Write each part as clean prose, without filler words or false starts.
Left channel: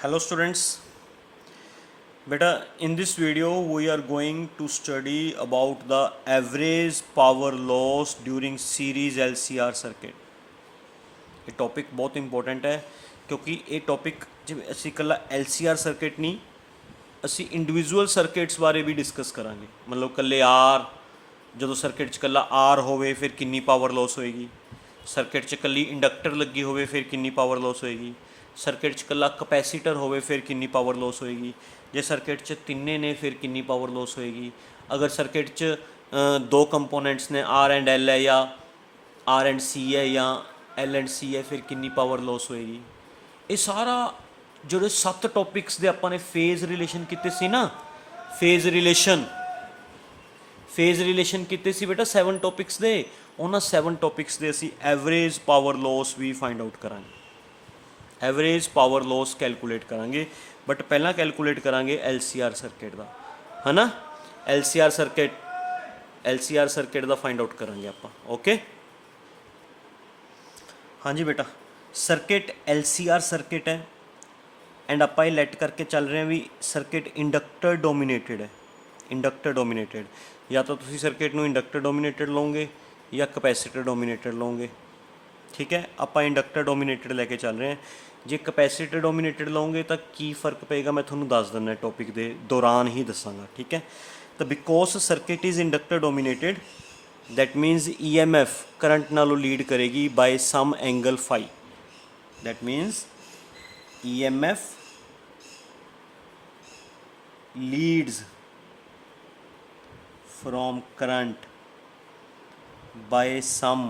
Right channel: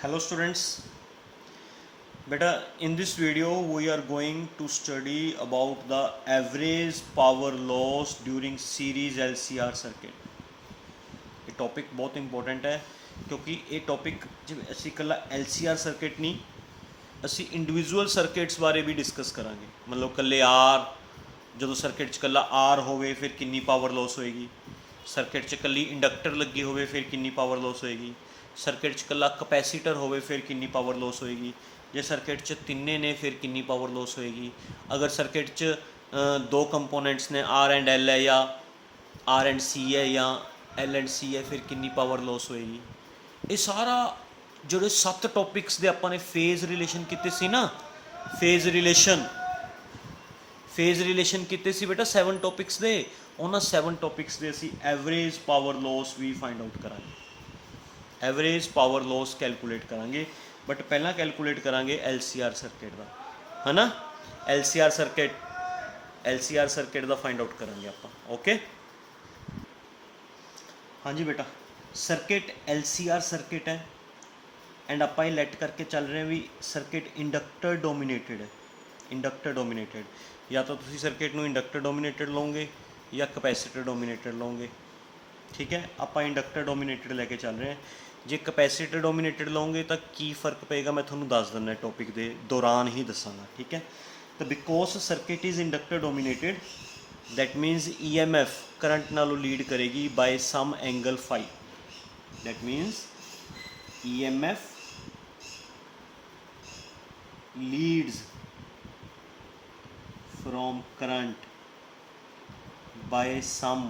Hello students, beta in this video we are going to study about the average power loss during series LCR circuit। ਇਹ topic ਬਹੁਤ important ਹੈ ਕਿਉਂਕਿ ਇਹ topic ਜਿਵੇਂ ਅਸੀਂ ਇਕੱਲਾ LCR ਸਰਕਿਟ ਨਹੀਂ ਅਸੀਂ ਇੰਡੀਵਿਜੂਅਲ ਸਰਕਿਟਸ ਬਾਰੇ ਵੀ ਡਿਸਕਸ ਕਰਾਂਗੇ। ਮਤਲਬ ਇਕੱਲੇ ਆਰ ਜਦੋਂ ਸਰਕਿਟ 'ਚ ਇਕੱਲਾ ਆਰ ਹੋਵੇ ਫਿਰ ਕਿੰਨੀ ਪਾਵਰ ਲੋਸ ਹੋਏਗੀ, ਸਰਕਿਟ 'ਚ ਇਕੱਲੀ ਇੰਡਕਟਰ ਲੱਗੀ ਹੋਵੇ ਫਿਰ ਕਿੰਨੀ ਪਾਵਰ ਲੋਸ ਹੋਏਗੀ, ਸਰਕਿਟ 'ਚ ਇਕੱਲਾ ਕਪੈਸੀਟਰ ਹੋਵੇ ਫਿਰ ਕਿੰਨੀ ਪਾਵਰ ਲੋਸ ਹੋਏਗੀ, ਜੇ ਸਰਕਿਟ 'ਚ ਤਿੰਨੇ ਨੇ ਫਿਰ ਕਿੰਨੀ ਪਾਵਰ ਲੋਸ ਹੋਏਗੀ, ਅਗਰ ਸਰਕਿਟ 'ਚ ਦੋ ਕੰਪੋਨੈਂਟਸ ਨੇ ਆਰ ਐਂਡ ਐਲ ਹੈ ਜਾਂ ਆਰ ਐਂਡ ਸੀ ਹੈ ਜਾਂ ਐਲ ਐਂਡ ਸੀ ਹੈ ਫਿਰ ਕਿੰਨੀ ਪਾਵਰ ਲੋਸ ਹੋਏਗੀ। ਇਹ ਸਾਰਾ ਜਿਹੜੇ 7 ਟੌਪਿਕਸ ਦੇ ਆਪਾਂ ਨੇ ਫੇਜ਼ ਰਿਲੇਸ਼ਨ ਕੀਤੇ ਸੀ ਨਾ, ਫੇਜ਼ ਰਿਲੇਸ਼ਨ ਕੀਤੇ ਸੀ ਬੇਟਾ 7 ਟੌਪਿਕਸ ਦੇ, ਉਹਨਾਂ 7 ਟੌਪਿਕਸ ਦੇ ਅਸੀਂ ਐਵਰੇਜ ਪਾਵਰ ਲੋਸ ਵੀ ਫਾਈਂਡ ਆਊਟ ਕਰਾਂਗੇ, ਐਵਰੇਜ ਪਾਵਰ ਲੋਸ ਕੈਲਕੂਲੇਟ ਕਰਾਂਗੇ। ਬਟ ਪਹਿਲਾਂ ਕੈਲਕੂਲੇਟ ਕਰਾਂਗੇ LCR ਸਰਕਿਟ ਦਾ, ਹੈ ਨਾ। LCR ਸਰਕਿਟ ਦਾ ਫਾਈਂਡ ਆਊਟ ਕਰਾਂਗੇ ਆਪਾਂ। ਓਕੇ ਹਾਂਜੀ ਬੇਟਾ, ਸਰਕਿਟ LCR ਸਰਕਿਟ ਹੈ ਐਂਡ ਆਪਾਂ ਇਹ ਲੈਟ ਕਰਕੇ ਚੱਲ ਰਹੇ ਹਾਂ ਵੀ ਸਰਕਿਟ ਇੰਡਕਟਰ ਡੋਮੀਨੇਟਡ ਹੈ। ਇੰਡਕਟਰ ਡੋਮੀਨੇਟਡ ਜਾਂ ਤਾਂ ਤੁਸੀਂ ਸਰਕਿਟ ਨੂੰ ਇੰਡਕਟਰ ਡੋਮੀਨੇਟਡ ਲਓਗੇ ਜਾਂ ਕਪੈਸੀਟਰ ਡੋਮੀਨੇਟਡ ਲਓਗੇ। ਠੀਕ ਹੈ, ਆਪਾਂ ਇੰਡਕਟਰ ਡੋਮੀਨੇਟਡ ਲੈ ਕੇ ਚੱਲ ਰਹੇ ਹਾਂ। ਜੇ ਕਪੈਸੀਟਰ ਡੋਮੀਨੇਟਡ ਲਓਗੇ ਤਾਂ ਕੀ ਫਰਕ ਪਏਗਾ ਮੈਂ ਤੁਹਾਨੂੰ ਦੱਸ ਦਿੰਦਾ, ਟੌਪਿਕ ਦੇ ਦੌਰਾਨ ਹੀ ਦੱਸਾਂਗਾ। ਠੀਕ ਹੈ, ਤਾਂ because circuit is inductor dominated that means EMF current नालों लीड करेगी by some angle phi। that means EMF leads from current by some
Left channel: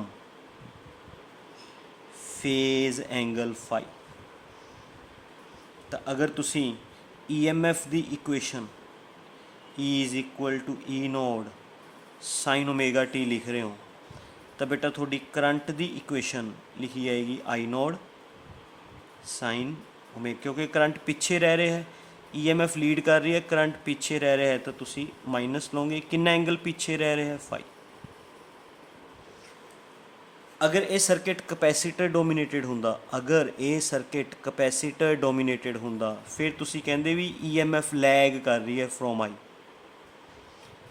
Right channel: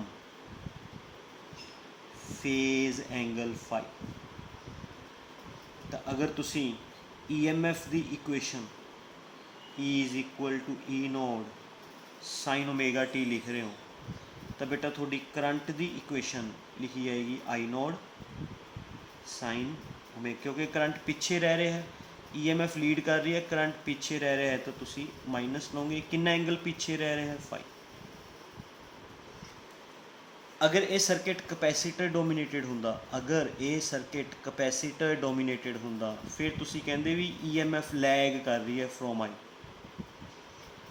phase angle phi। तो अगर तुसी EMF the equation E is equal to E naught sine omega T लिख रहे हो तो बेटा थोड़ी करंट दी इक्वेशन लिखी जाएगी आई नोड साइन ओमेगा, क्योंकि करंट पीछे रह रहे हैं, EMF लीड कर रही है, करंट पीछे रह रहे हैं तो तुसी माइनस लोगे। कितना एंगल पीछे रह रहे हैं फाई। अगर ये सर्किट कैपेसिटर डोमीनेटेड हुंदा, अगर ये सर्किट कैपेसिटर डोमीनेटेड हुंदा फिर तुसी कहंदे भी EMF लैग कर रही है from I,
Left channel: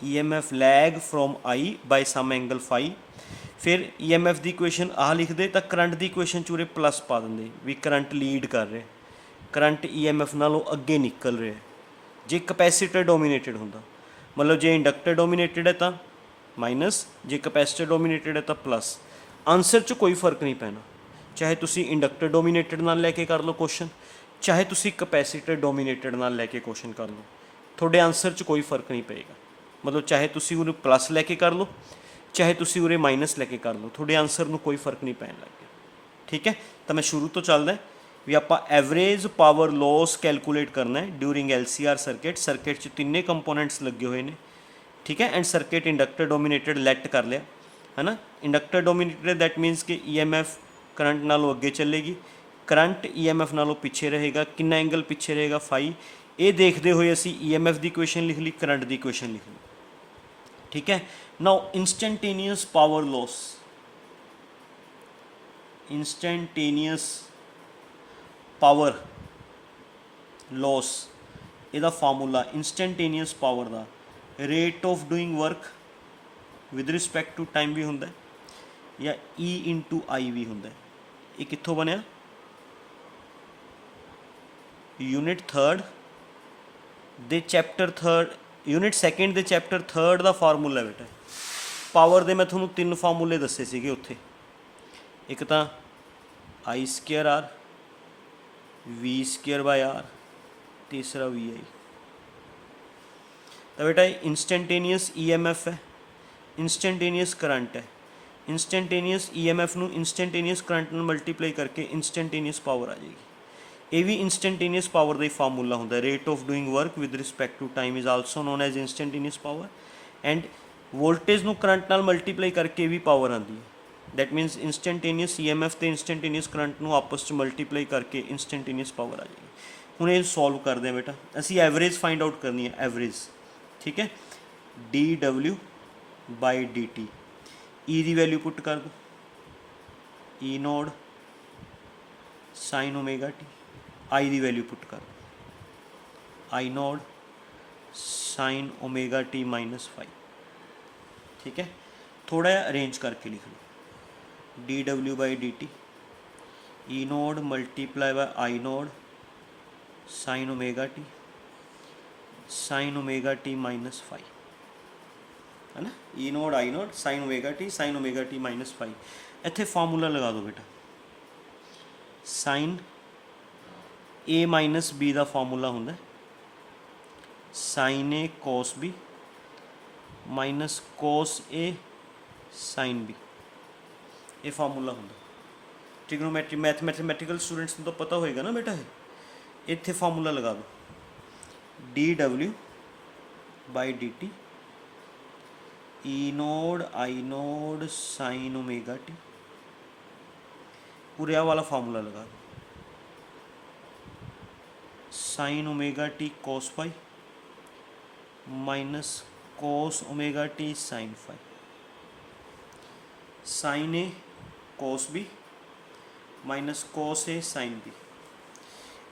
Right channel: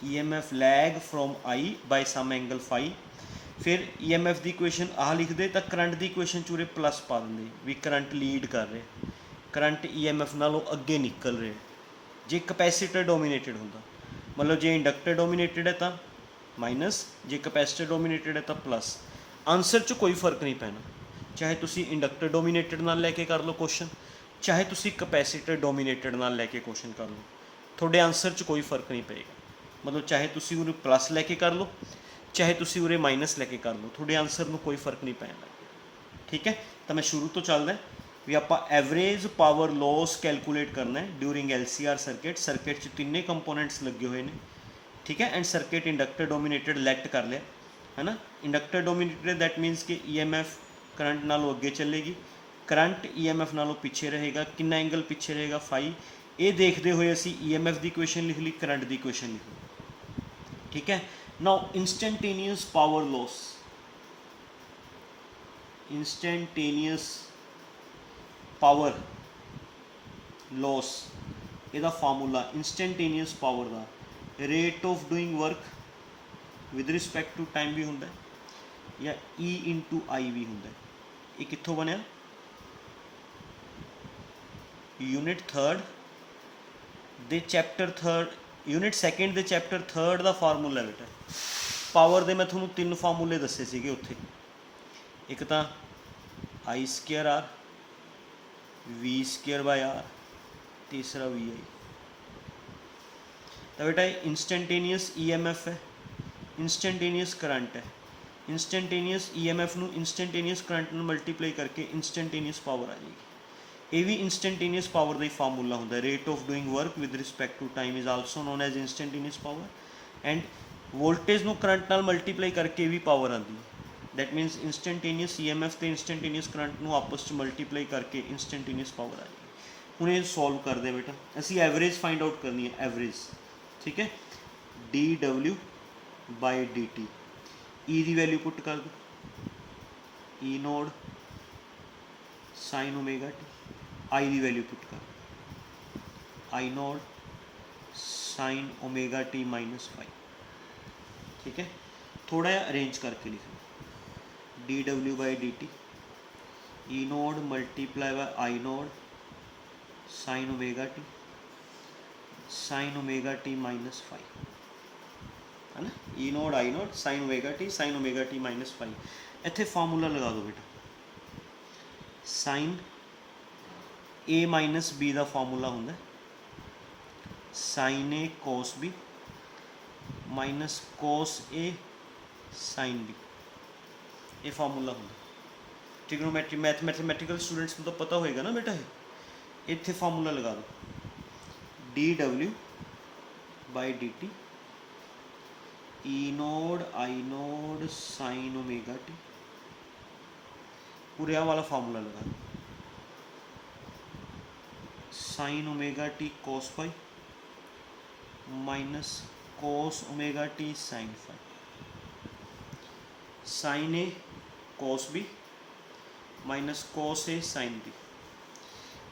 EMF lag from I by some angle phi. फिर EMF की इक्वेशन आ लिखते तो करंट की इक्वेशन चूरे प्लस पा देंगे भी करंट लीड कर रहे, करंट EMF नालों अगे निकल रहे। जे कैपेसिटर डोमीनेटेड होंदा मतलब जे इंडक्टर डोमीनेटेड है तो माइनस, जे कैपेसिटर डोमीनेटेड है तो प्लस। आंसर च कोई फर्क नहीं पैना, चाहे तुसी इंडक्टर डोमीनेटेड नाल लैके कर लो क्वेश्चन, चाहे तुसी कैपेसिटर डोमीनेटेड नाल लैके क्वेश्चन कर लो, थोड़े आंसर च कोई फर्क नहीं पेगा। मतलब चाहे तुसी उरे प्लस लैके कर लो चाहे तुसी उरे माइनस लैके कर लो, थोड़े आंसर में कोई फर्क नहीं पैन लग गया। ठीक है, तो मैं शुरू तो चलदा भी आपां एवरेज पावर लॉस कैलकुलेट करना है ड्यूरिंग LCR सर्किट। सर्किट च तिन्ने कंपोनेंट्स लगे हुए हैं। ठीक है, एंड सर्किट इंडक्टर डोमीनेटेड लैट कर लिया है ना। इंडक्टर डोमीनेटेड दैट मीनस कि EMF करंट नालों अगे चलेगी, करंट EMF नालों पीछे रहेगा। कितना एंगल पीछे रहेगा फाई। ये देखते हुए असी EMF की इक्वेशन लिख ली, करंट की इक्वेशन लिख ली। ठीक है, now instantaneous power loss, instantaneous power loss ਇਹਦਾ फार्मूला इंस्टेंटेनियस पावर ਦਾ rate of doing work with respect to time भी ਹੁੰਦਾ या E इंटू आई भी ਹੁੰਦਾ। ये कित्थों बनया, यूनिट थर्ड दे चैप्टर थर्ड, यूनिट सैकेंड दे चैप्टर थर्ड का फार्मूला है बेटा। पावर दे मैं थोनों 3 फार्मूले दसे सीगे उत्थे, एक तो I square R, V square by R, तीसरा वी आई। तो बेटा इंस्टेंटेनियस EMF है, इंस्टेंटेनियस करंट है, इंस्टेंटेनियस EMF नू इंस्टेंटेनियस करंट में मल्टीप्लाई करके इंस्टेंटेनियस पावर आ जाएगी। ये भी इंस्टेंटेनियस पावर का ही फार्मूला होंगे। Rate of doing work with respect to time is also known as instantaneous power. And voltage नू करंट नाल मल्टीप्लाई करके भी पावर आती है। दैट मीनस इंस्टेंटेनियस EMF तो इंस्टेंटेनियस करंट नू आपस में मल्टीप्लाई करके इंस्टेंटेनियस पावर आ जाएगी। हूँ ये सॉल्व करते हैं बेटा, असी एवरेज फाइंड आउट करनी है, एवरेज। ठीक है, dW बाई dt, E की वैल्यू पुट कर दो, E naught sine omega T I की वैल्यू पुट कर, I naught sine omega T minus five. ठीक है, थोड़ा जिहा अरेंज करके लिख लो, D W by D T E naught multiply by I naught sine omega T minus five, है ना, E naught I naught sine omega T minus five. इत्थे फार्मूला लगा दो बेटा, साइन ए माइनस बी का फार्मूला होंगे sign A cos B minus cos A sine B, ये formula होंगे। ट्रिग्नोमेट्री मैथमैटिकल स्टूडेंट्स को तो पता होएगा ना बेटा, इत्थे फार्मूला लगा दो, D W by D T E naught I naught sine omega T, पूरे वाला फार्मूला लगा दो, sine omega T cos phi minus cos omega T sine phi, sine A cos B minus cos A sine B.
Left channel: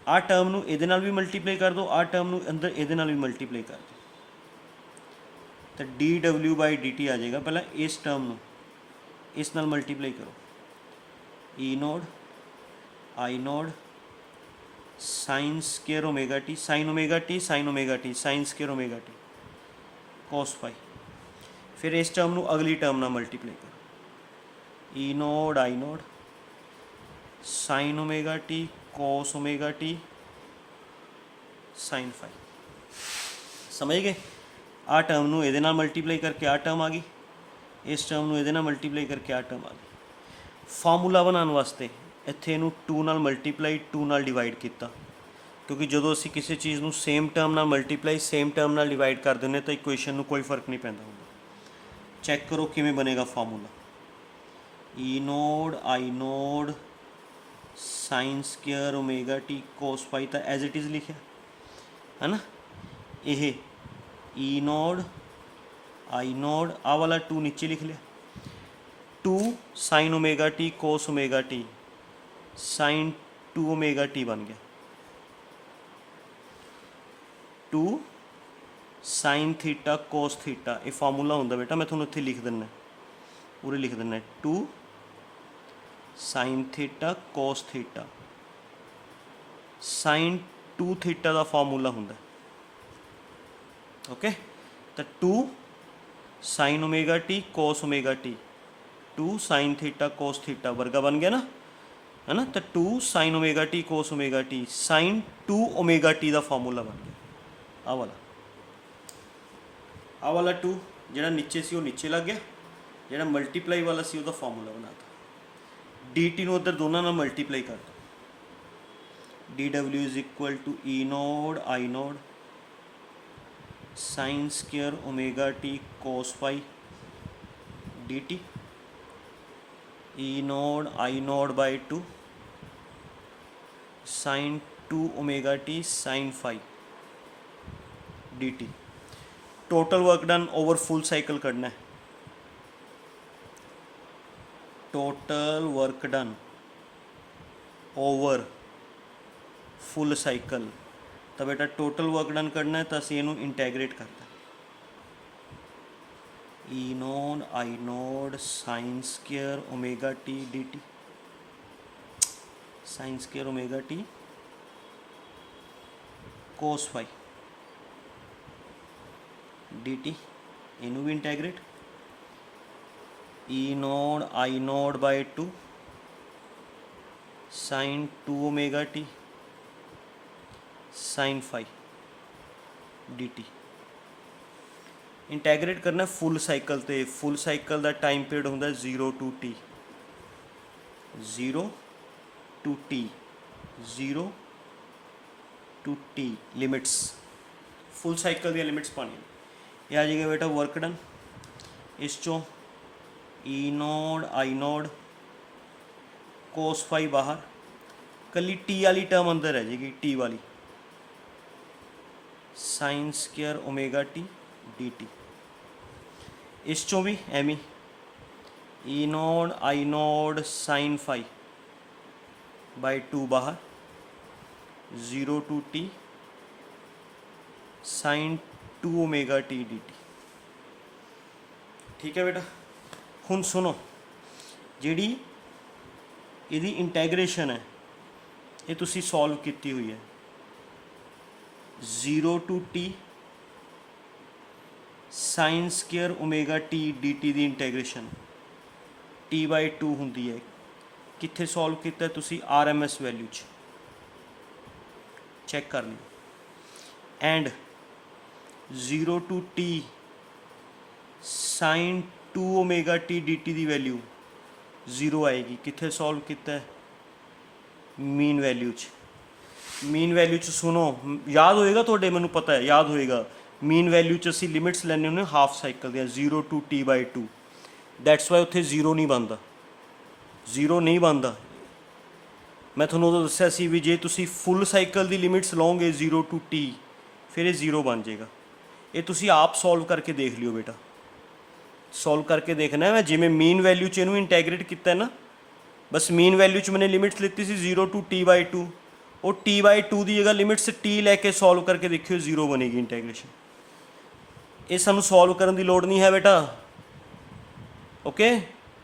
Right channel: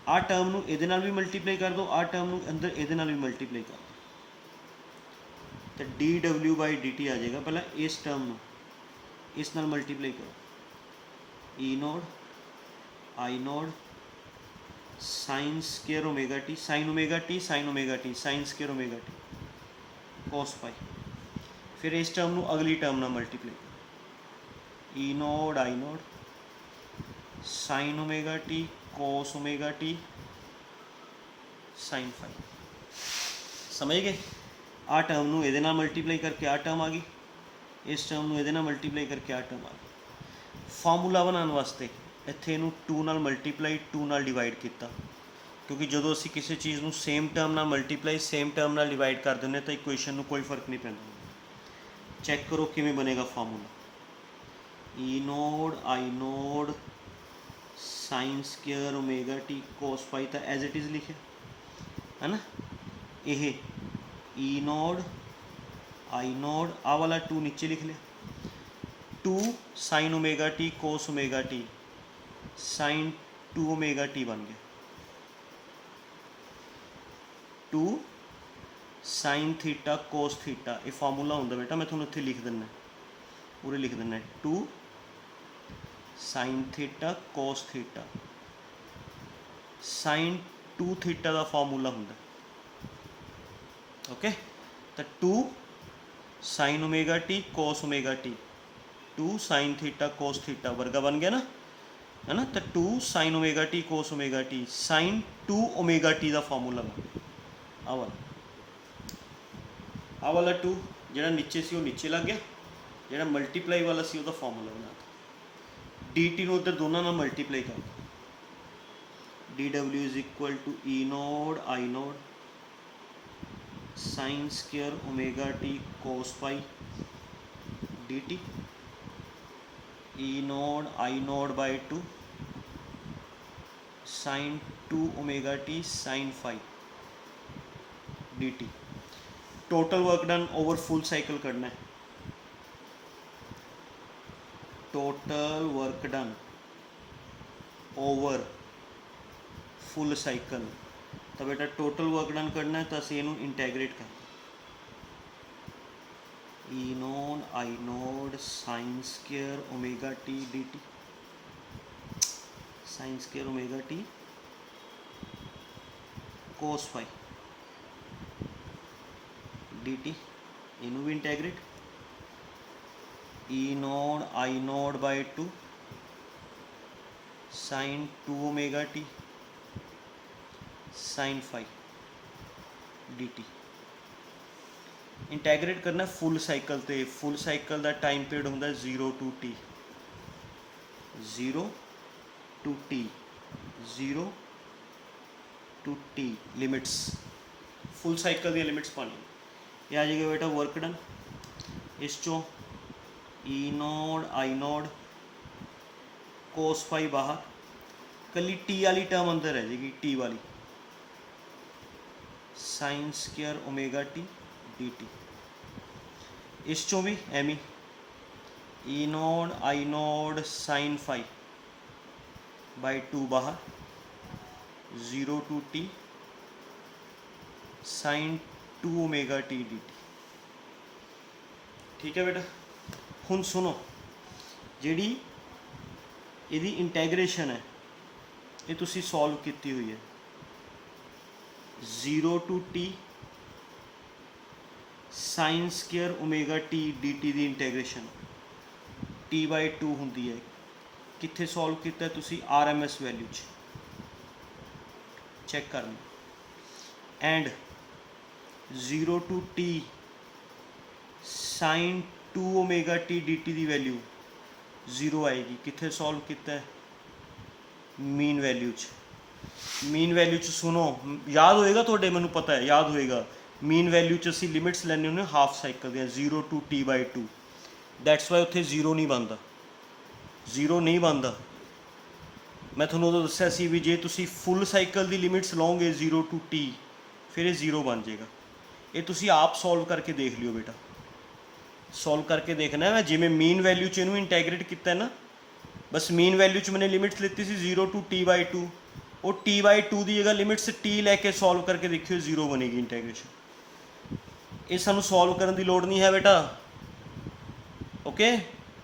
आ term नूं इहदे नाल भी multiply कर दो, आ टर्म नूं अंदर इहदे नाल भी मल्टीप्लाई कर दो, तो D W by D T आ जाएगा। पहला इस टर्म नूं इस नाल मल्टीप्लाई करो, E naught I naught sine square omega T sine omega T sine square omega T cos phi, फिर इस टर्म नूं अगली टर्म नाल मल्टीप्लाई करो, E naught I naught sine omega T cos omega T sine phi. समझ गए? आ term नूं इहदे नाल मल्टीप्लाई करके आ टर्म आ गई, इस टर्म नूं इहदे नाल मल्टीप्लाई करके आ टर्म आ गई। फार्मूला बनाने वास्ते इत्थे इहनूं 2 नाल मल्टीप्लाई 2 नाल डिवाइड किया, क्योंकि जो असीं किसी चीज़ नूं सेम टर्म नाल मल्टीप्लाई सेम टर्म नाल डिवाइड कर देने तो इक्वेशन नूं कोई फर्क नहीं पैंदा। चैक करो किवें बनेगा formula, E naught I naught sine square omega T cos phi तो एज इट इज़ लिखे, है ना, यह ई नोड आई नोड आ वाला 2 नीचे लिख लिया, 2 sine omega T cos omega T sine 2 omega T बन गया, 2 साइन थीटा कोस थीटा, ये फार्मूला होंगे बेटा, मैं थोड़ा इत्थे लिख दिना, पूरे लिख दिना, 2 sine theta cos theta sine 2 theta का फार्मूला होंगे। ओके, तो 2 sine omega T cos omega T 2 sine theta cos theta वर्गा बन गया ना, है ना, तो 2 sine omega T cos omega T sine 2 omega T का फार्मूला बन गया। आ वाला 2 जो नीचे से वो नीचे लग गया, जो मल्टीप्लाई वाला सी उसका फार्मूला बनाता, डी टी नूं उधर दोनों नाल मल्टीप्लाई कर दो, D W is equal to E naught I naught sine square omega T cos phi D T E naught I naught by 2 sine 2 omega T sine phi D t. Total work done over full cycle करना है, total work done over full cycle, तो बेटा total work done करना है तो असीं इहनूं integrate करते, E naught I naught sine square omega T D T sine square omega T cos phi D T, इनू भी integrate, E naught I naught by 2 sine 2 omega T sine phi D T. Integrate करना full cycle, तो full cycle का time period होंगे 0 to T 0 to T 0 to T limits, full cycle दी limits पानी। यह आ जाएगा बेटा वर्क डन, इस चों ई naught I node cos phi बाहर, कली टी वाली टर्म अंदर रह जाएगी, टी वाली sine square omega T D t, इस चों भी एमी E naught I naught sine phi by 2 बाहर 0 to t sin 2 omega T D t. ठीक है बेटा, ਹੁਣ ਸੁਣੋ ਜਿਹੜੀ ਇਹਦੀ ਇੰਟੈਗਰੇਸ਼ਨ ਹੈ ਇਹ ਤੁਸੀਂ ਸੋਲਵ ਕੀਤੀ ਹੋਈ ਹੈ। 0 to t sign square omega T D T the ਇੰਟੈਗਰੇਸ਼ਨ t/2 ਹੁੰਦੀ ਹੈ। ਕਿੱਥੇ ਸੋਲਵ ਕੀਤਾ ਤੁਸੀਂ? ਆਰ ਐਮ ਐਸ ਵੈਲਿਊ 'ਚ ਚੈੱਕ ਕਰ ਲਿਓ। And 0 to t sign 2 omega T D T the value 0 ਆਏਗੀ। ਕਿੱਥੇ ਸੋਲਵ ਕੀਤਾ? ਮੀਨ ਵੈਲਿਊ 'ਚ। ਮੀਨ ਵੈਲਿਊ 'ਚ ਸੁਣੋ, ਯਾਦ ਹੋਏਗਾ ਤੁਹਾਡੇ, ਮੈਨੂੰ ਪਤਾ ਹੈ ਯਾਦ ਹੋਏਗਾ। ਮੀਨ ਵੈਲਿਊ 'ਚ ਅਸੀਂ ਲਿਮਿਟਸ ਲੈਂਦੇ ਹੁੰਦੇ ਹਾਫ ਸਾਈਕਲ ਦੀਆਂ 0 to t/2। ਦੈਟਸ ਵਾਈ ਉੱਥੇ 0 ਨਹੀਂ ਬਣਦਾ, 0 ਨਹੀਂ ਬਣਦਾ। ਮੈਂ ਤੁਹਾਨੂੰ ਉਦੋਂ ਦੱਸਿਆ ਸੀ ਵੀ ਜੇ ਤੁਸੀਂ ਫੁੱਲ ਸਾਈਕਲ ਦੀ ਲਿਮਿਟਸ ਲਓਗੇ 0 to t ਫਿਰ ਇਹ 0 ਬਣ ਜਾਏਗਾ। ਇਹ ਤੁਸੀਂ ਆਪ ਸੋਲਵ ਕਰਕੇ ਦੇਖ ਲਿਓ ਬੇਟਾ, ਸੋਲਵ ਕਰਕੇ ਦੇਖਣਾ ਹੈ। ਜਿਵੇਂ ਮੀਨ ਵੈਲਿਊ 'ਚ ਇਹਨੂੰ ਇੰਟੈਗਰੇਟ ਕੀਤਾ ਨਾ, ਬਸ ਮੀਨ ਵੈਲਿਊ 'ਚ ਮੈंने ਲਿਮਿਟਸ ਲਿੱਤੀ ਸੀ 0 to t/2, ਉਹ t/2 ਦੀ ਜਗ੍ਹਾ ਲਿਮਿਟਸ t ਲੈ ਕੇ ਸੋਲਵ ਕਰਕੇ ਦੇਖਿਓ 0 ਬਣੇਗੀ ਇੰਟੈਗਰੇਸ਼ਨ। ਇਹ ਸਾਨੂੰ ਸੋਲਵ ਕਰਨ ਦੀ ਲੋੜ ਨਹੀਂ ਹੈ ਬੇਟਾ, ਓਕੇ।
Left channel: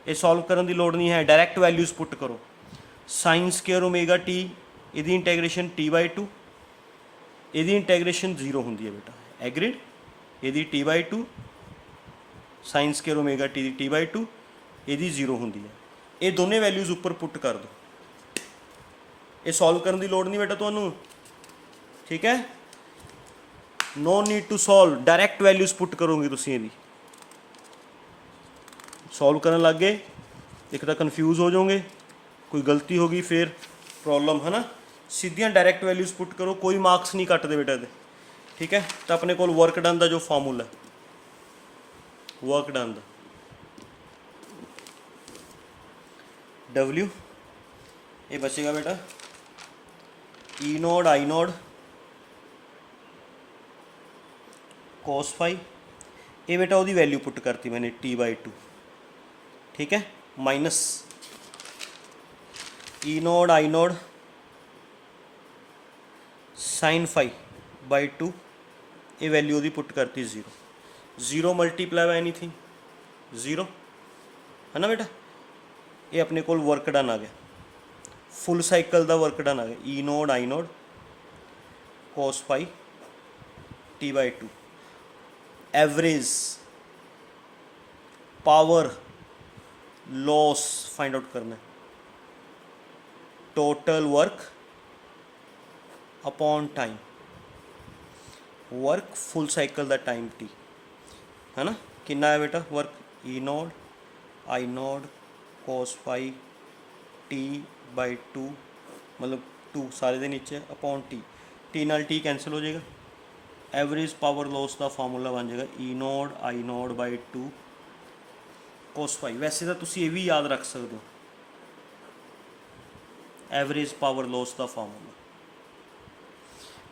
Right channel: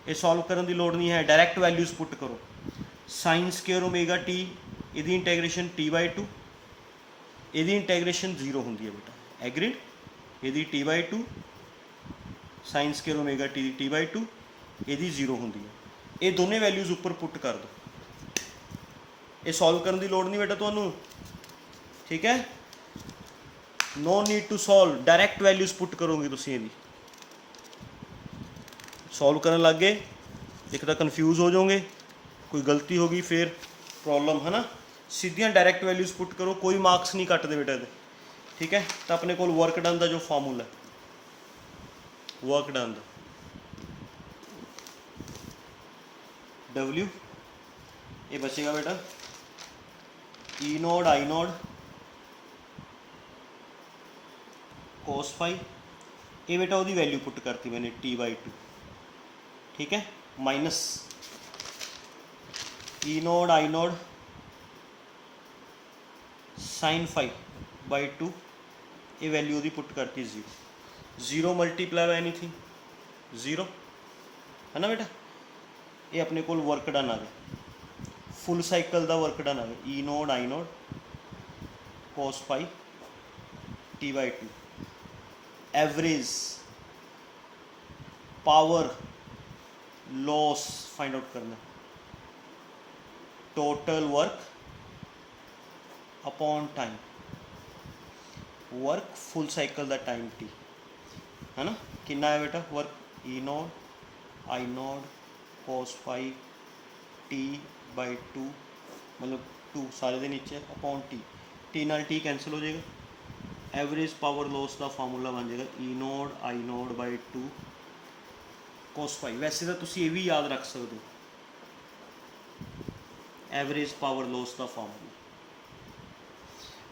ਇਹ ਸੋਲਵ ਕਰਨ ਦੀ ਲੋੜ ਨਹੀਂ ਹੈ, ਡਾਇਰੈਕਟ ਵੈਲਿਊਜ਼ ਪੁੱਟ ਕਰੋ। ਸਾਈਨ ਸਕੇਅਰ ਓਮੇਗਾ ਟੀ ਇਹਦੀ ਇੰਟੈਗਰੇਸ਼ਨ t/2, ਇਹਦੀ ਇੰਟੈਗਰੇਸ਼ਨ 0 ਹੁੰਦੀ ਹੈ ਬੇਟਾ, ਐਗਰੀਡ। ਇਹਦੀ t/2 sign square omega T ਦੀ t/2 ਇਹਦੀ 0 ਹੁੰਦੀ ਹੈ। ਇਹ ਦੋਨੇ ਵੈਲਿਊਜ਼ ਉੱਪਰ ਪੁੱਟ ਕਰ ਦਿਓ। ਇਹ ਸੋਲਵ ਕਰਨ ਦੀ ਲੋੜ ਨਹੀਂ ਬੇਟਾ ਤੁਹਾਨੂੰ, ਠੀਕ ਹੈ। No need to solve, direct values put ਕਰੋਗੇ ਤੁਸੀਂ। ਇਹਦੀ ਸੋਲਵ ਕਰਨ ਲੱਗ ਗਏ ਇੱਕ ਤਾਂ ਕਨਫਿਊਜ਼ ਹੋ ਜਾਓਗੇ, ਕੋਈ ਗਲਤੀ ਹੋ ਗਈ ਫਿਰ ਪ੍ਰੋਬਲਮ ਹੈ ਨਾ। ਸਿੱਧੀਆਂ ਡਾਇਰੈਕਟ ਵੈਲਿਊਜ਼ ਪੁੱਟ ਕਰੋ, ਕੋਈ ਮਾਰਕਸ ਨਹੀਂ ਕੱਟਦੇ ਬੇਟਾ ਇਹਦੇ, ਠੀਕ ਹੈ। ਤਾਂ ਆਪਣੇ ਕੋਲ ਵਰਕ ਡਨ ਦਾ ਜੋ ਫਾਰਮੂਲਾ, ਵਰਕ ਡਨ ਦਾ W ਇਹ ਬਚੇਗਾ ਬੇਟਾ E naught I naught cos phi. ये बेटा वो वैल्यू पुट करती मैंने t/2, ठीक है, minus E naught I naught sine phi by 2, ये वैल्यू वो पुट करती 0। 0 मल्टीप्लाई बाय एनीथिंग 0 है ना बेटा। ये अपने को वर्क डन आ गया, फुल साइकिल का वर्क डन आ गया। E naught I naught cos pi t/2। Average power loss find out करना, total work upon time, work full cycle का टाइम t है ना। कितना है बेटा work? E naught I naught cos phi t/2 मतलब 2 सारे दे नीचे अपॉन t नाल t कैंसिल हो जाएगा। एवरेज पावर लॉस का फार्मूला बन जाएगा E naught I node by 2 cos phi. वैसे तो तुसी ये भी याद रख सकते हो, एवरेज पावर लॉस का फार्मूला,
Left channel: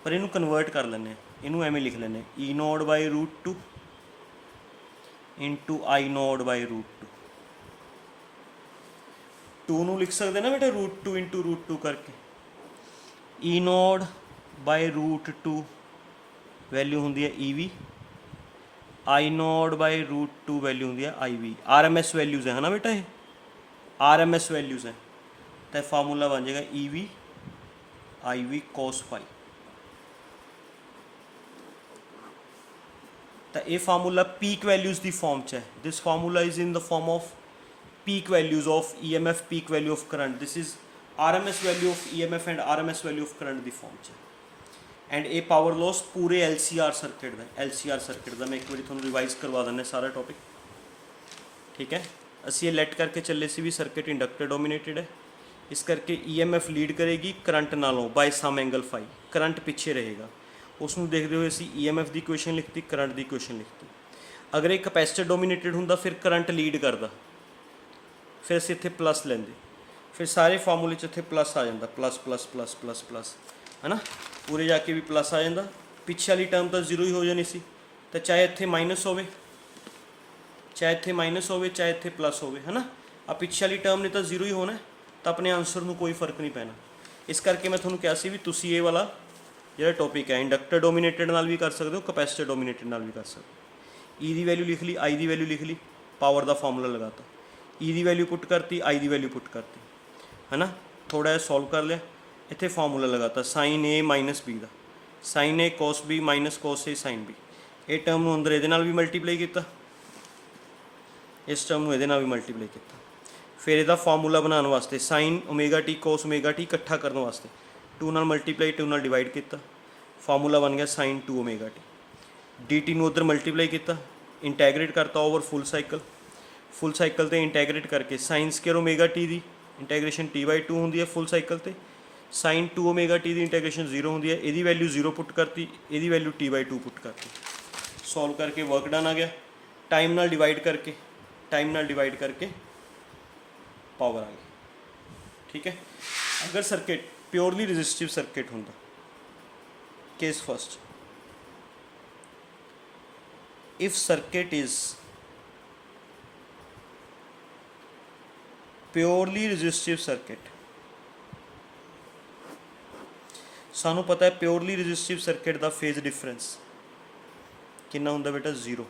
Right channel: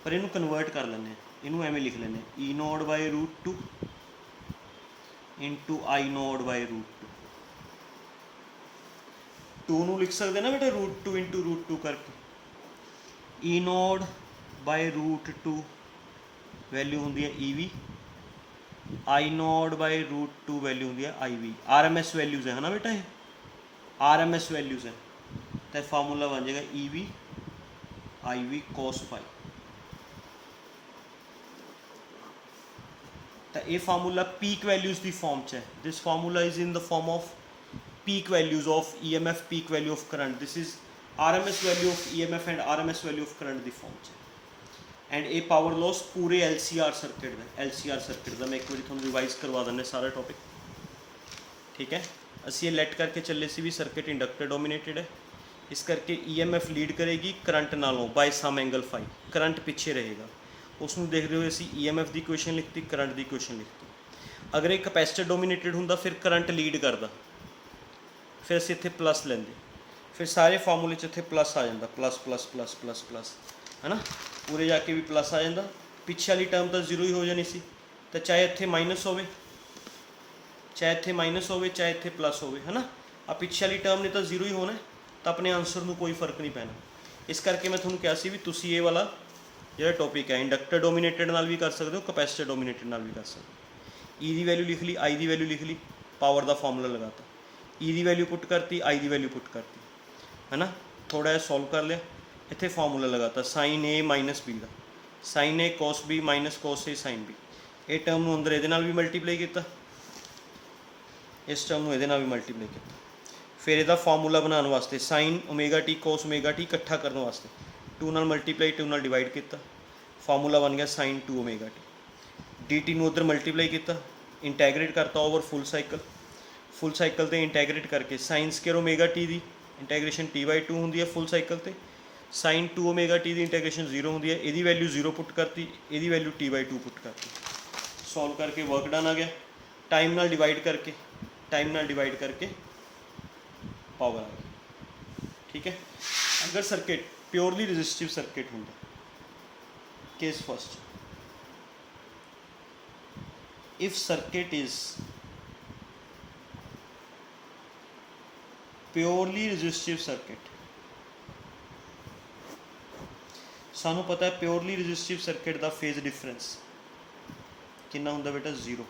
पर इनू कन्वर्ट कर लें, इनू एवें लिख लें E node by √2 into I node by √2। 2 नू लिख सकते ना बेटा √2 इंटू √2 करके। E नोड बाई √2 वैल्यू होंगी है EV, I node by √2 value होंगी है IV। RMS वैल्यूज़ है ना बेटा, ये RMS वैल्यूज़ है, तो फार्मूला बन जाएगा EV IV cos फाई। तो ये फार्मूला पीक वैल्यूज़ की फॉर्म च है। This formula is in the form of peak values of EMF, peak value of current. This is RMS value of EMF and RMS value of current the form च। And ये power loss पूरे LCR circuit का, LCR circuit का मैं एक बार थोड़ा revise करवा देना सारा टॉपिक, ठीक है। असी ये लेट करके चले सी भी सर्किट इंडक्टर डोमिनेटेड है, इस करके EMF लीड करेगी करंट नालों by some angle phi, current पिछे रहेगा। उसनू देखते हुए असी EMF की इक्वेशन लिखती, करंट की इक्वेशन लिखती। अगर एक कैपेसिटर डोमिनेटेड होंदा फिर करंट लीड करता, फिर असीं इत्थे प्लस लेंदे, फिर सारे फार्मूले च इत्थे प्लस आ जाता, plus plus plus plus plus है ना। पूरे जाके भी प्लस आ जाता, पिछे वाली टर्म तो 0 ही हो जानी सी। तो चाहे इत्थे माइनस होवे, चाहे इत्थे माइनस होवे, चाहे इत्थे प्लस होवे, है ना। आ पिछे वाली टर्म ने तो 0 ही होना है, तो अपने आंसर में कोई फर्क नहीं पैना। इस करके मैं ਤੁਹਾਨੂੰ ਕਿਹਾ ਸੀ ਵੀ ਤੁਸੀਂ ਇਹ ਵਾਲਾ ਜਿਹੜਾ ਟੌਪਿਕ ਹੈ ਇੰਡਕਟਰ ਡੋਮੀਨੇਟਡ ਨਾਲ ਵੀ ਕਰ ਸਕਦੇ ਹੋ, ਕਪੈਸਿਟਰ ਡੋਮੀਨੇਟਡ ਨਾਲ ਵੀ ਕਰ ਸਕਦੇ ਹੋ। ਈ ਦੀ ਵੈਲਿਊ ਲਿਖ ਲਈ, ਆਈ ਦੀ ਵੈਲਿਊ ਲਿਖ ਲਈ, ਪਾਵਰ ਦਾ ਫਾਰਮੂਲਾ ਲਗਾਤਾ, ਈ ਦੀ ਵੈਲਿਊ ਪੁੱਟ ਕਰਤੀ, ਆਈ ਦੀ ਵੈਲਿਊ ਪੁੱਟ ਕਰਤੀ, ਹੈ ਨਾ। ਥੋੜ੍ਹਾ ਜਿਹਾ ਸੋਲਵ ਕਰ ਲਿਆ, ਇੱਥੇ ਫਾਰਮੂਲਾ ਲਗਾਤਾ ਸਾਈਨ ਏ ਮਾਈਨਸ ਬੀ ਦਾ, ਸਾਈਨ ਏ ਕੋਸ ਬੀ ਮਾਈਨਸ ਕੋਸ ਏ ਸਾਈਨ ਬੀ। ਇਹ ਟਰਮ ਨੂੰ ਅੰਦਰ ਇਹਦੇ ਨਾਲ ਵੀ ਮਲਟੀਪਲਾਈ ਕੀਤਾ, ਇਸ ਟਰਮ ਨੂੰ ਇਹਦੇ ਨਾਲ ਵੀ ਮਲਟੀਪਲਾਈ ਕੀਤਾ। ਫਿਰ ਇਹਦਾ ਫਾਰਮੂਲਾ ਬਣਾਉਣ ਵਾਸਤੇ sine omega T cos omega T ਇਕੱਠਾ ਕਰਨ ਵਾਸਤੇ 2 ਨਾਲ ਮਲਟੀਪਲਾਈ 2 ਨਾਲ ਡਿਵਾਈਡ ਕੀਤਾ, ਫਾਰਮੂਲਾ ਬਣ ਗਿਆ sign 2 omega T. D T ਨੂੰ ਉੱਧਰ ਮਲਟੀਪਲਾਈ ਕੀਤਾ, ਇੰਟੈਗਰੇਟ ਕਰਤਾ ਓਵਰ ਫੁੱਲ ਸਾਈਕਲ ਤੇ ਇੰਟੈਗਰੇਟ ਕਰਕੇ ਸਾਈਨ ਸਕੇਅਰ ਓਮੇਗਾ ਟੀ ਦੀ ਇੰਟੈਗਰੇਸ਼ਨ t/2 ਹੁੰਦੀ ਹੈ ਫੁੱਲ ਸਾਈਕਲ ਤੇ, ਸਾਈਨ 2 ਓਮੇਗਾ ਟੀ ਦੀ ਇੰਟੈਗਰੇਸ਼ਨ 0 ਹੁੰਦੀ ਹੈ। ਇਹਦੀ ਵੈਲਿਊ 0 ਪੁੱਟ ਕਰਤੀ, ਇਹਦੀ ਵੈਲਿਊ t/2 ਪੁੱਟ ਕਰਤੀ। ਸੋਲਵ ਕਰਕੇ ਵਰਕ ਡਨ ਆ ਗਿਆ। ਟਾਈਮ ਨਾਲ ਡਿਵਾਈਡ ਕਰਕੇ ਪਾਵਰ ਆ ਗਈ। ਠੀਕ ਹੈ। ਅਗਰ ਸਰਕਿਟ ਪਿਓਰਲੀ ਰੈਜ਼ਿਸਟਿਵ ਸਰਕਿਟ ਹੁੰਦਾ, case first, if circuit is purely resistive circuit, ਸਾਨੂੰ ਪਤਾ ਹੈ ਪਿਓਰਲੀ ਰੈਜ਼ਿਸਟਿਵ ਸਰਕਿਟ ਦਾ ਫੇਜ਼ ਡਿਫਰੈਂਸ ਕਿੰਨਾ ਹੁੰਦਾ ਬੇਟਾ 0।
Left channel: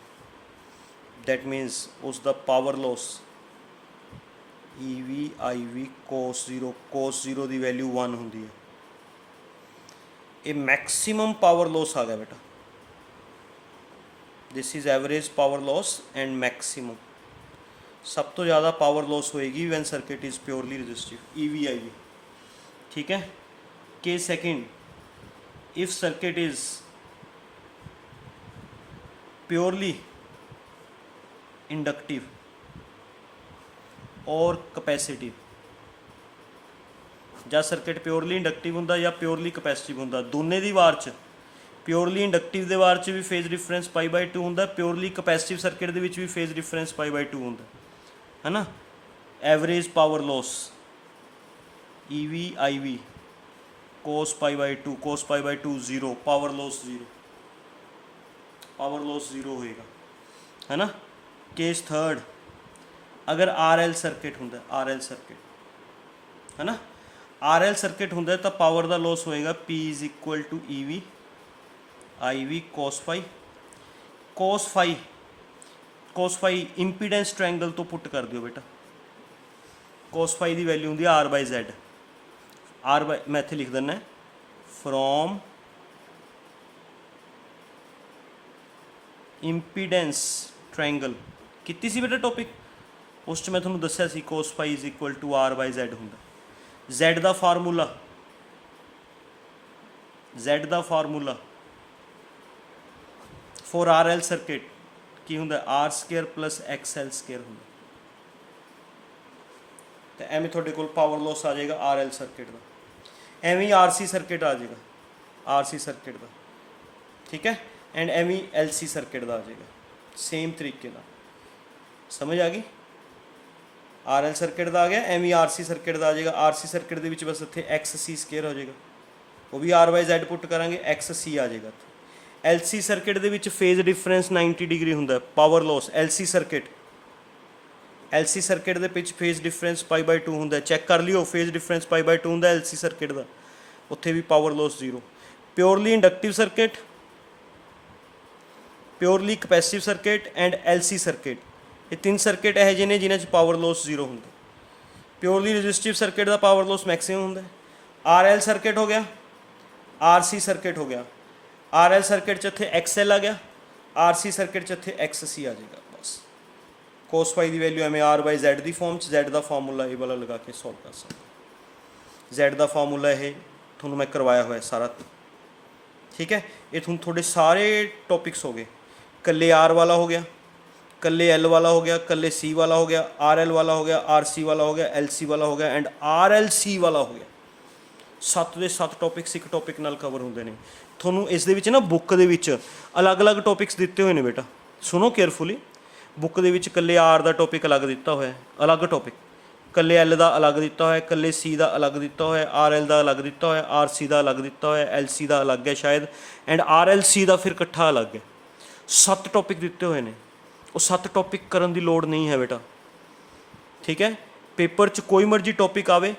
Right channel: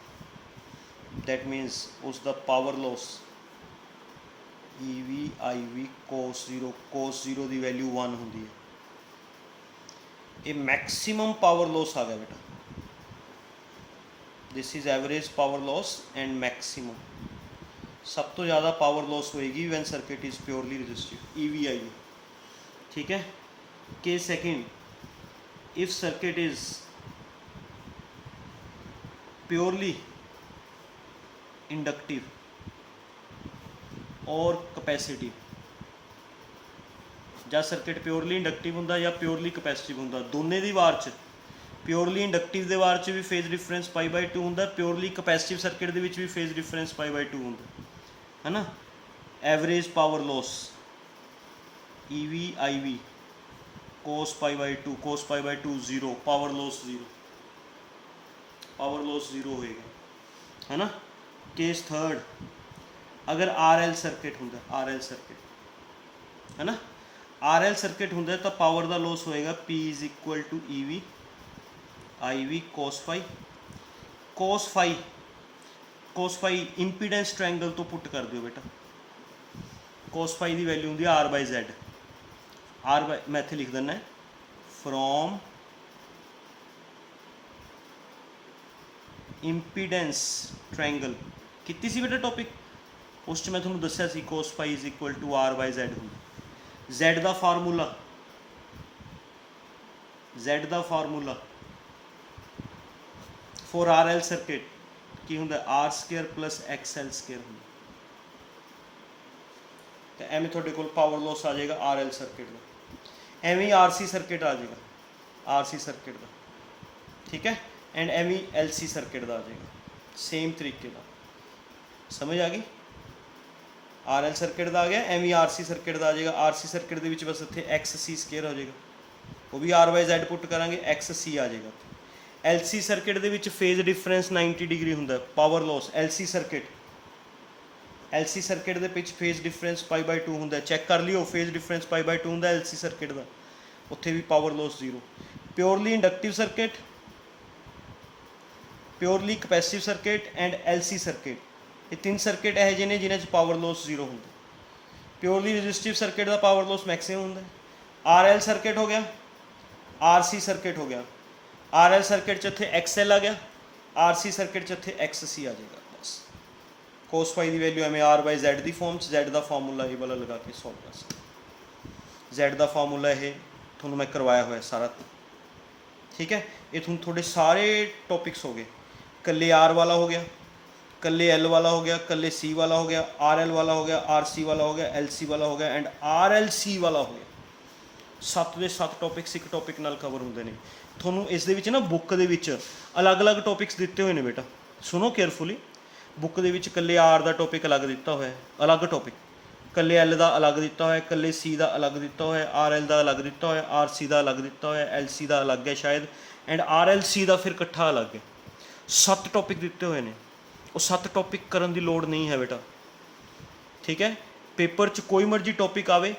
ਦੈਟ ਮੀਨਸ ਉਸ ਦਾ power loss EV IV cos 0 ਦੀ ਵੈਲਿਊ 1 ਹੁੰਦੀ ਹੈ। ਇਹ ਮੈਕਸਿਮਮ ਪਾਵਰ ਲੋਸ ਆ ਗਿਆ ਬੇਟਾ। This is average power loss and maximum. सब तो ज़्यादा पावर लॉस होएगी when circuit is purely resistive, EV/IV। ठीक है। Case second, if circuit is purely inductive और कैपेसिटिव, ਜਾਂ ਸਰਕਿਟ ਪਿਓਰਲੀ ਇੰਡਕਟਿਵ ਹੁੰਦਾ ਜਾਂ ਪਿਓਰਲੀ ਕਪੈਸਿਟਿਵ ਹੁੰਦਾ, ਦੋਨੇ ਦੀ ਵਾਰ 'ਚ ਪਿਓਰਲੀ ਇੰਡਕਟਿਵ ਦੇ ਵਾਰ 'ਚ ਵੀ ਫੇਜ਼ ਡਿਫਰੈਂਸ π/2 ਹੁੰਦਾ, ਪਿਓਰਲੀ ਕਪੈਸਿਟਿਵ ਸਰਕਿਟ ਦੇ ਵਿੱਚ ਵੀ ਫੇਜ਼ ਡਿਫਰੈਂਸ π/2 ਹੁੰਦਾ, ਹੈ ਨਾ। Average power loss EV/IV cos π/2 0, power loss 0 ਹੋਏਗਾ, ਹੈ ਨਾ। ਕੇਸ ਥਰਡ, ਅਗਰ RL ਸਰਕਿਟ ਹੁੰਦਾ, RL ਸਰਕਿਟ, ਹੈ ਨਾ, RL ਸਰਕਿਟ ਹੁੰਦਾ ਤਾਂ ਪਾਵਰ ਦਾ ਲੋਸ ਹੋਏਗਾ P = EV IV cos phi impedance triangle ਤੋਂ ਪੁੱਟ ਕਰ ਦਿਓ ਬੇਟਾ। cos phi ਦੀ ਵੈਲਿਊ ਹੁੰਦੀ ਹੈ R/Z। ਮੈਂ ਇੱਥੇ ਲਿਖ ਦਿੰਦਾ ਫਰੋਮ ਇੰਪੀਡੈਂਸ ਟ੍ਰਾਇੰਗਲ ਕੀਤੀ ਸੀ ਬੇਟਾ ਟੌਪਿਕ, ਉਸ 'ਚ ਮੈਂ ਤੁਹਾਨੂੰ ਦੱਸਿਆ ਸੀ cos phi = R/Z ਹੁੰਦਾ। Z the formula for RL circuit की होंगे R² + XL² होंगे। तो एवं थोड़े को पावर लॉस आ जाएगा RL सर्किट का, एवं RC सर्किट आ जाएगा RC सर्किट का। ठीक है। एंड एवं LC सर्किट का आ जाएगा सेम तरीके का। समझ आ गई। RL सर्किट का आ गया, एवं RC सर्किट का आ जाएगा। RC सर्किट के बस इतने XC² हो जाएगा, वो भी R/Z पुट करांगे, XC आ जाएगा। LC सर्किट ਦੇ ਵਿੱਚ ਫੇਜ਼ ਡਿਫਰੈਂਸ 90 ਡਿਗਰੀ ਹੁੰਦਾ, ਪਾਵਰ ਲੋਸ LC ਸਰਕਿਟ ਦੇ ਵਿੱਚ ਫੇਜ਼ ਡਿਫਰੈਂਸ π/2 ਹੁੰਦਾ। ਚੈੱਕ ਕਰ ਲਿਓ, ਫੇਜ਼ ਡਿਫਰੈਂਸ π/2 ਹੁੰਦਾ LC ਸਰਕਿਟ ਦਾ, ਉੱਥੇ ਵੀ power loss 0। Purely inductive circuit, purely capacitive circuit and LC circuit, ਇਹ ਤਿੰਨ ਸਰਕਿਟ ਇਹੋ ਜਿਹੇ ਨੇ ਜਿਨ੍ਹਾਂ 'ਚ ਪਾਵਰ ਲੋਸ 0 ਹੁੰਦਾ। ਪਿਓਰਲੀ ਰੈਜ਼ਿਸਟਿਵ ਸਰਕਿਟ ਦਾ ਪਾਵਰ ਲੋਸ ਮੈਕਸਿਮਮ ਹੁੰਦਾ। RL ਸਰਕਿਟ ਹੋ ਗਿਆ, RC ਸਰਕਿਟ ਹੋ ਗਿਆ। RL सर्किट च इत्थे XL आ गया, RC सर्किट च इत्थे XC आ जाएगा। बस cos phi की वैल्यू एवं R/Z की फॉर्म Z का फार्मूला ये वाला लगा के सॉल्व कर सकते। Z का फार्मूला ये थोड़ा मैं करवाया हुआ है सारा। ठीक है। ये थोड़े सारे टॉपिक्स हो गए, कल्ले R वाला हो गया, कल्ले L वाला हो गया, कल्ले C वाला हो गया, RL वाला हो गया, RC वाला हो गया, LC वाला हो गया एंड RLC वाला हो गया। 7 ਦੇ 7 टॉपिक्स एक टॉपिक नाल कवर होंगे ने। ਤੁਹਾਨੂੰ ਇਸ ਦੇ ਵਿੱਚ ਨਾ ਬੁੱਕ ਦੇ ਵਿੱਚ ਅਲੱਗ-ਅਲੱਗ ਟੌਪਿਕਸ ਦਿੱਤੇ ਹੋਏ ਨੇ ਬੇਟਾ, ਸੁਣੋ ਕੇਅਰਫੁਲੀ। ਬੁੱਕ ਦੇ ਵਿੱਚ ਇਕੱਲੇ R ਦਾ ਟੌਪਿਕ ਅਲੱਗ ਦਿੱਤਾ ਹੋਇਆ, ਅਲੱਗ ਟੌਪਿਕ, ਇਕੱਲੇ L ਦਾ ਅਲੱਗ ਦਿੱਤਾ ਹੋਇਆ, ਇਕੱਲੇ C ਦਾ ਅਲੱਗ ਦਿੱਤਾ ਹੋਇਆ, RL ਦਾ ਅਲੱਗ ਦਿੱਤਾ ਹੋਇਆ, RC ਦਾ ਅਲੱਗ ਦਿੱਤਾ ਹੋਇਆ, LC ਦਾ ਅਲੱਗ ਹੈ ਸ਼ਾਇਦ, ਐਂਡ RLC ਦਾ ਫਿਰ ਇਕੱਠਾ ਅਲੱਗ ਹੈ। 7 ਟੌਪਿਕ ਦਿੱਤੇ ਹੋਏ ਨੇ, ਉਹ 7 ਟੌਪਿਕ ਕਰਨ ਦੀ ਲੋੜ ਨਹੀਂ ਹੈ ਬੇਟਾ। ਠੀਕ ਹੈ। ਪੇਪਰ 'ਚ ਕੋਈ ਮਰਜ਼ੀ ਟੌਪਿਕ ਆਵੇ,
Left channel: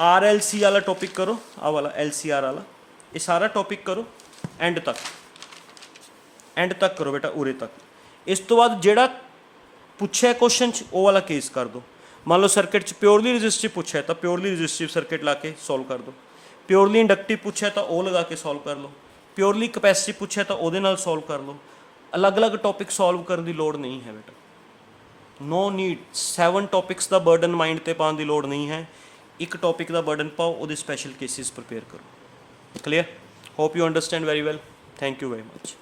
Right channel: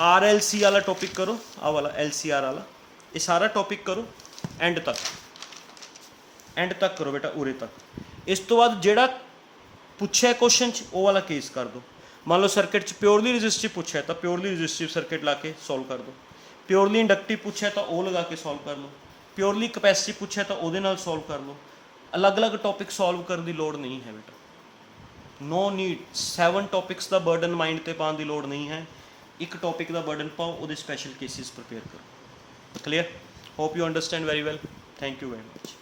RLC वाला टॉपिक करो, आ वाला LCR वाला, ये सारा टॉपिक करो एंड तक करो बेटा, उरे तक। इस तो बाद जेड़ा पुछे क्वेश्चन वो वाला केस कर दो। मान लो सर्किट च प्योरली रजिस्टिव पूछा है तो प्योरली रजिस्टिव सर्किट ला के सॉल्व कर दो, प्योरली इंडक्टिव पूछा है तो वो लगा के सॉल्व कर लो, प्योरली कैपेसिटिव पूछा है तो वो नाल सॉल्व कर लो। अलग अलग टॉपिक सॉल्व करने की लोड़ नहीं है बेटा, नो नीड 7 टॉपिक्स का बर्डन माइंड ते पाने की लोड़ नहीं है। एक टॉपिक का बर्डन पाओ, वो स्पैशल केसिस प्रिपेयर करो। Clear? Hope you understand very well. Thank you very much.